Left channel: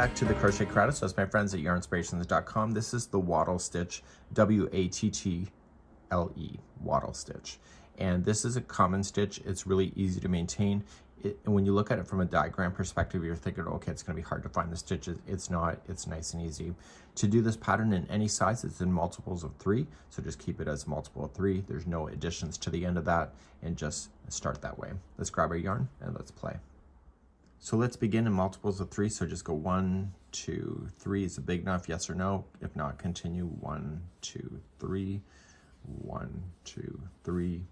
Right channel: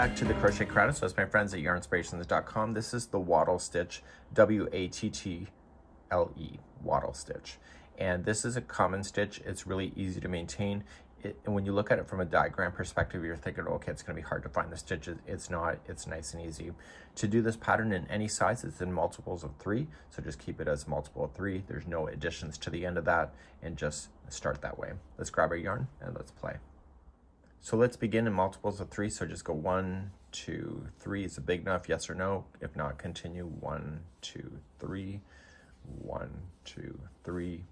back to the Crochet Crowd. So it's my friends at yarnspirations.com. This is the wattle stitch, W-A-T-T-L-E, wattle stitch. And this is a common stitch. It's really easy to maintain. And when you look at it from a diagram perspective, you're thinking, okay, it's gonna be hard to find the stitches. It's not, it's nice and easy. To do this pattern in any size, it's in multiples of 3. So just keep it as multiple of 3. There's no additions to the end of that, and just start that way. Let's grab our yarn and let's play. So let's begin in multiples of 3. So just go 1, 2, 3. Is it big enough? Yes or no? If not, continue. 1, 2, 3, 1, 2, 3,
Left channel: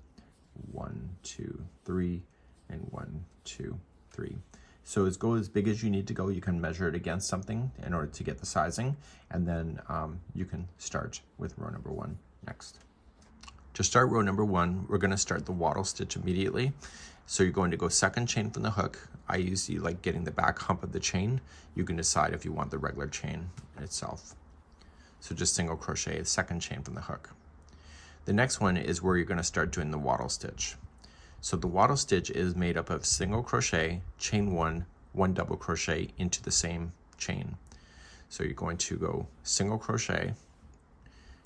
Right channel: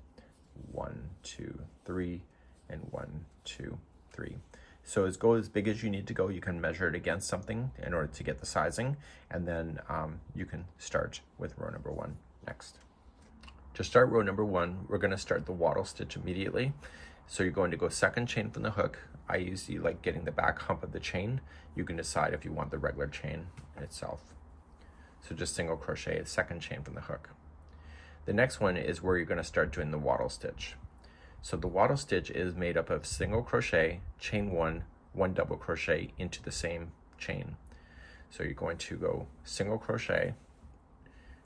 1, 2, 3, and 1, 2, 3. So go as big as you need to go. You can measure it against something in order to get the sizing, and then you can start with row number 1 next. To start row number 1, we're going to start the wattle stitch immediately. So you're going to go second chain from the hook. I usually like getting the back hump of the chain. You can decide if you want the regular chain itself. So just single crochet, second chain from the hook. The next one is where you're going to start doing the wattle stitch. So the wattle stitch is made up of single crochet, chain 1, 1 double crochet into the same chain. So you're going to go single crochet,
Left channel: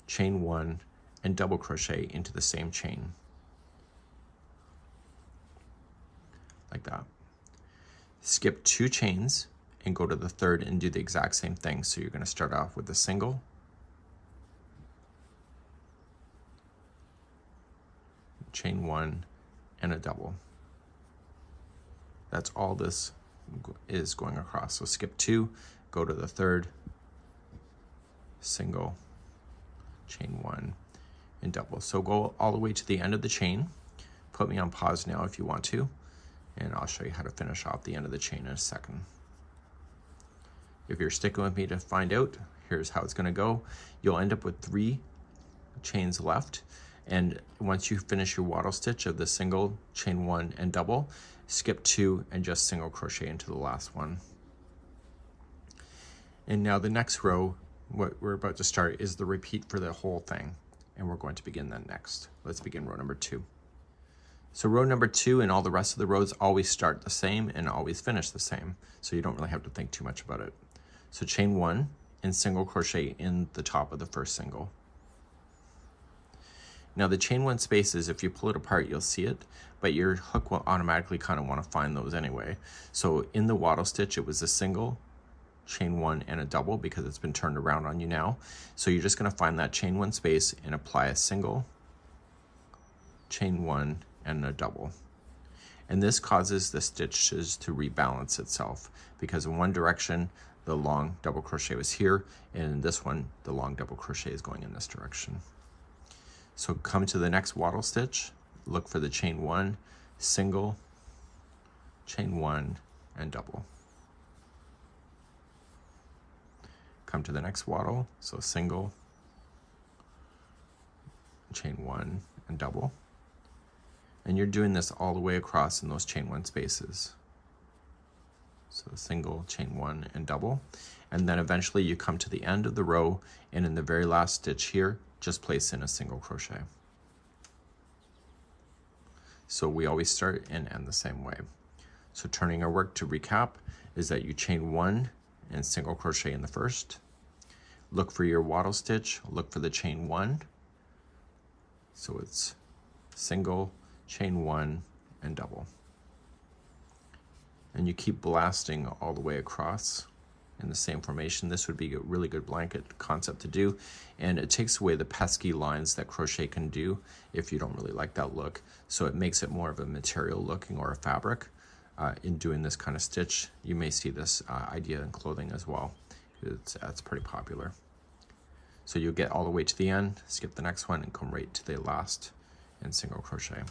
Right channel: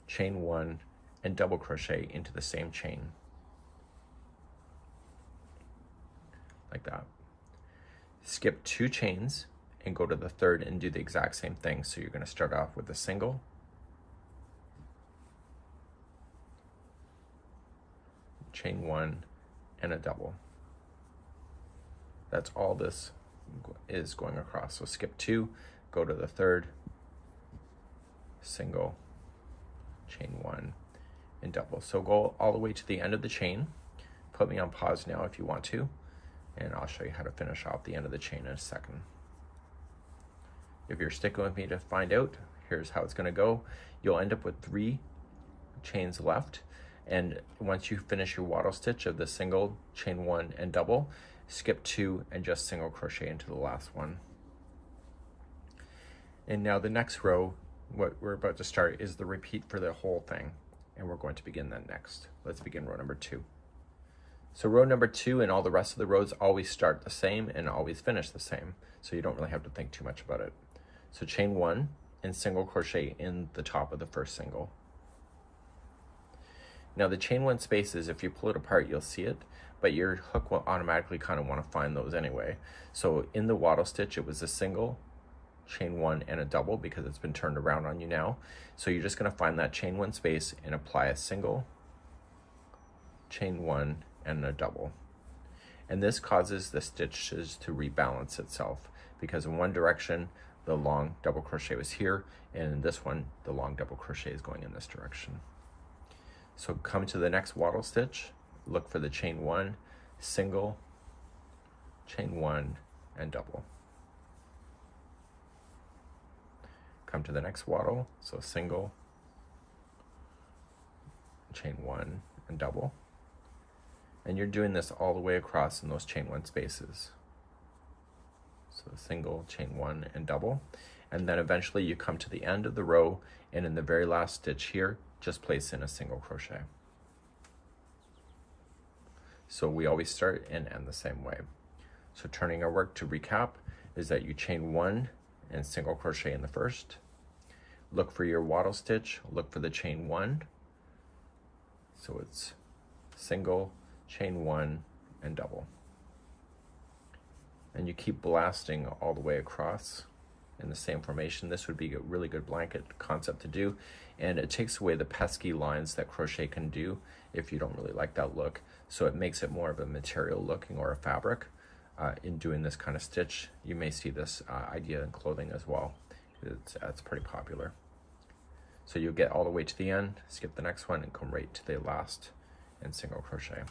chain 1, and double crochet into the same chain. Like that. Skip 2 chains and go to the third and do the exact same thing. So you're going to start off with a single, chain 1, and a double. That's all this is going across. So skip 2, go to the third, single, chain 1, and double. So go all the way to the end of the chain. Put me on pause now if you want to, and I'll show you how to finish off the end of the chain in a second. If you're sticking with me to find out, here's how it's going to go. You'll end up with 3 chains left, and once you finish your wattle stitch of the single, chain 1, and double, skip 2 and just single crochet into the last one. And now the next row, what we're about to start, is the repeat for the whole thing, and we're going to begin that next. Let's begin row number 2. So row number 2 and all the rest of the rows always start the same and always finish the same, so you don't really have to think too much about it. So chain 1 and single crochet in the top of the first single. Now the chain 1 spaces, if you pull it apart, you'll see it, but your hook will automatically kind of want to find those anyway. So in the wattle stitch, it was a single, chain 1, and a double because it's been turned around on you now. So you're just going to find that chain 1 space and apply a single, chain 1, and a double. And this causes the stitches to rebalance itself, because in one direction the long double crochet was here, and in this one the long double crochet is going in this direction. So come to the next wattle stitch, look for the chain 1, single, chain 1, and double. Come to the next wattle, so single, chain 1, and double. And you're doing this all the way across in those chain 1 spaces. So single, chain 1, and double. And then eventually you come to the end of the row, and in the very last stitch here, just place in a single crochet. So we always start and end the same way. So turning our work to recap is that you chain 1 and single crochet in the first. Look for your wattle stitch, look for the chain 1. So it's single, chain 1, and double. And you keep blasting all the way across in the same formation. This would be a really good blanket concept to do, and it takes away the pesky lines that crochet can do if you don't really like that look. So it makes it more of a material looking or a fabric. In doing this kind of stitch, you may see this idea in clothing as well. It's pretty popular. So you'll get all the way to the end, skip the next one, and come right to the last and single crochet.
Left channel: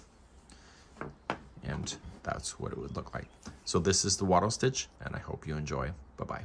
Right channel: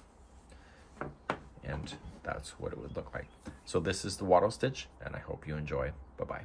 And that's what it would look like. So this is the wattle stitch, and I hope you enjoy. Bye-bye.